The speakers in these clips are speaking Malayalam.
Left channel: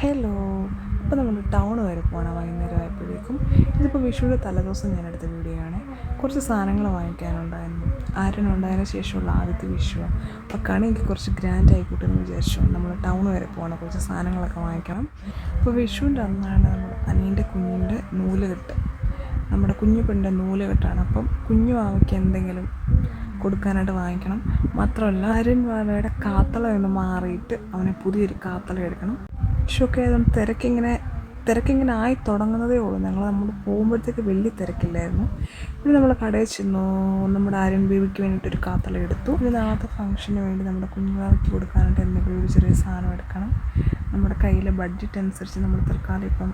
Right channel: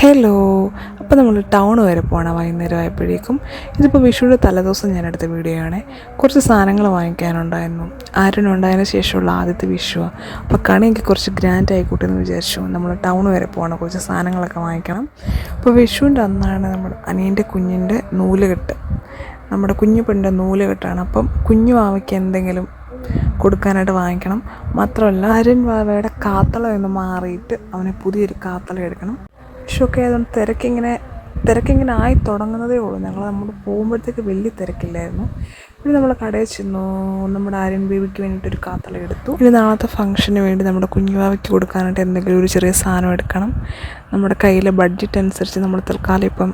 ഹലോ. അപ്പോൾ നമ്മൾ ടൗൺ വരെ പോകണം വൈകുന്നേരം ആയപ്പോഴേക്കും. ഇതിപ്പോൾ വിഷുവിൻ്റെ തലേദിവസം ഞാൻ എടുത്ത വീഡിയോ ആണ്. കുറച്ച് സാധനങ്ങൾ വാങ്ങിക്കാനുണ്ടായിരുന്നു. ആര്യനുണ്ടായതിനു ശേഷമുള്ള ആദ്യത്തെ വിഷുവാണ്. അപ്പോൾ കണി എനിക്ക് കുറച്ച് ഗ്രാൻഡ് ആയിക്കോട്ടെ എന്ന് വിചാരിച്ചു. നമ്മൾ ടൗൺ വരെ പോകണം, കുറച്ച് സാധനങ്ങളൊക്കെ വാങ്ങിക്കണം. അപ്പോൾ വിഷുവിൻ്റെ അന്നാണ് നമ്മുടെ അനിയൻ്റെ കുഞ്ഞിൻ്റെ നൂലുകെട്ട്. നമ്മുടെ കുഞ്ഞു പെണ്ണിൻ്റെ നൂലുകെട്ടാണ്. അപ്പം കുഞ്ഞു വാവയ്ക്ക് എന്തെങ്കിലും കൊടുക്കാനായിട്ട് വാങ്ങിക്കണം. മാത്രമല്ല ആര്യൻ വാവയുടെ കാത്തളം ഒന്ന് മാറിയിട്ട് അവനെ പുതിയൊരു കാത്തളം എടുക്കണം. വിഷുവൊക്കെ ആയതുകൊണ്ട് തിരക്കിങ്ങനെ ആയി തുടങ്ങുന്നതേ ഉള്ളൂ. നമ്മൾ പോകുമ്പോഴത്തേക്ക് വലിയ തിരക്കില്ലായിരുന്നു. പിന്നെ നമ്മൾ കടയിൽ ചെന്നു. നമ്മുടെ ആര്യൻ ബേബിക്ക് വേണ്ടിയിട്ടൊരു കാത്തളം എടുത്തു. പിന്നെ നാളത്തെ ഫംഗ്ഷന് വേണ്ടി നമ്മുടെ കുഞ്ഞുവാവയ്ക്ക് കൊടുക്കാനായിട്ട് എന്തെങ്കിലും ഒരു ചെറിയ സാധനം എടുക്കണം. നമ്മുടെ കയ്യിലെ ബഡ്ജറ്റ് അനുസരിച്ച് നമ്മൾ തൽക്കാലം ഇപ്പം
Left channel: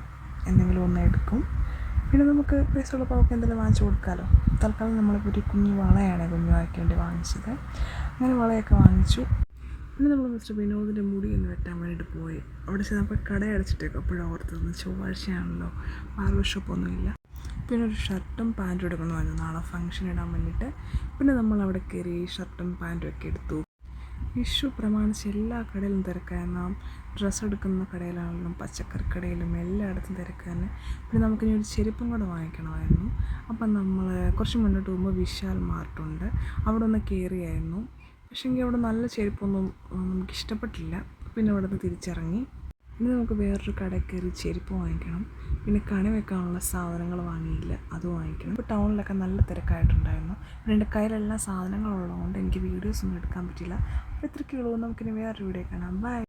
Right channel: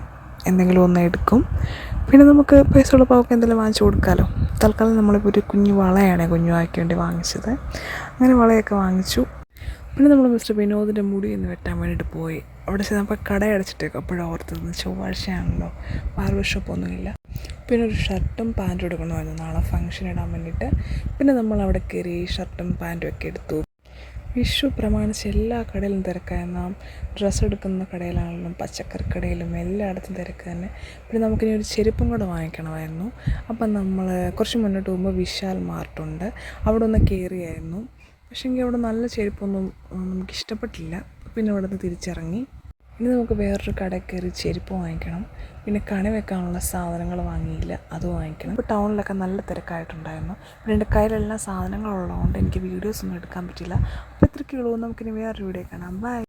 എന്തെങ്കിലും ഒന്ന് എടുക്കും. പിന്നെ നമുക്ക് പൈസ ഉള്ളപ്പോൾ അവർക്ക് എന്തെങ്കിലും വാങ്ങിച്ചു കൊടുക്കാമല്ലോ. തൽക്കാലം നമ്മളിപ്പോൾ ഒരു കുഞ്ഞു വളയാണ് കുഞ്ഞുവാവയ്ക്ക് വേണ്ടി വാങ്ങിച്ചത്. അങ്ങനെ വളയൊക്കെ വാങ്ങിച്ചു. പിന്നെ നമ്മൾ മിസ്റ്റർ വിനോദിൻ്റെ മുടി ഒന്ന് വെട്ടാൻ വേണ്ടിയിട്ട് പോയി. അവിടെ ചെന്നപ്പോൾ കട അടച്ചിട്ടേക്കും. അപ്പോഴാണ് ഓർത്തത് ചൊവ്വാഴ്ചയാണല്ലോ, ബാർബർ ഷോപ്പൊന്നുമില്ല. പിന്നെ ഒരു ഷർട്ടും പാൻറ്റും എടുക്കണമായിരുന്നു നാളെ ഫംഗ്ഷൻ ഇടാൻ വേണ്ടിയിട്ട്. പിന്നെ നമ്മൾ അവിടെ കയറി ഷർട്ടും പാൻറ്റും ഒക്കെ എടുത്തു. വിഷു പ്രമാണിച്ച് എല്ലാ കടയിലും തിരക്കായിരുന്നു. ഡ്രസ്സ് എടുക്കുന്ന കടയിലാണെങ്കിലും പച്ചക്കറി കടയിലും എല്ലായിടത്തും തിരക്ക് തന്നെ. പിന്നെ നമുക്കിനി ഒരു ചെരുപ്പും കൂടെ വാങ്ങിക്കണമായിരുന്നു. അപ്പം നമ്മൾ കുറച്ച് മുന്നോട്ട് പോകുമ്പോൾ വിശാൽ മാർട്ടുണ്ട്, അവിടെ ഒന്ന് കയറിയായിരുന്നു. പക്ഷേ എങ്കിൽ അവിടെ നല്ല ചെരുപ്പൊന്നും നമുക്കിഷ്ടപ്പെട്ടില്ല. പിന്നെ അവിടെ നിന്ന് തിരിച്ചിറങ്ങി. ഇനി നമുക്ക് വേറൊരു കടയിൽ കയറി ചെരുപ്പ് വാങ്ങിക്കണം. പിന്നെ കണി വെക്കാനുള്ള സാധനങ്ങൾ വാങ്ങിയില്ല, അത് വാങ്ങിക്കണം. ഇപ്പോൾ ടൗണിലൊക്കെ നല്ല തിരക്കായിട്ടുണ്ടായിരുന്നു. പിന്നെ എൻ്റെ കയ്യിലെല്ലാം സാധനങ്ങളുള്ളതുകൊണ്ട് എനിക്ക് വീഡിയോസൊന്നും എടുക്കാൻ പറ്റില്ല. അപ്പോൾ ഇത്രയ്ക്കുള്ളൂ. നമുക്കിനി വേറൊരു വീഡിയോ കാണാം. ബൈ.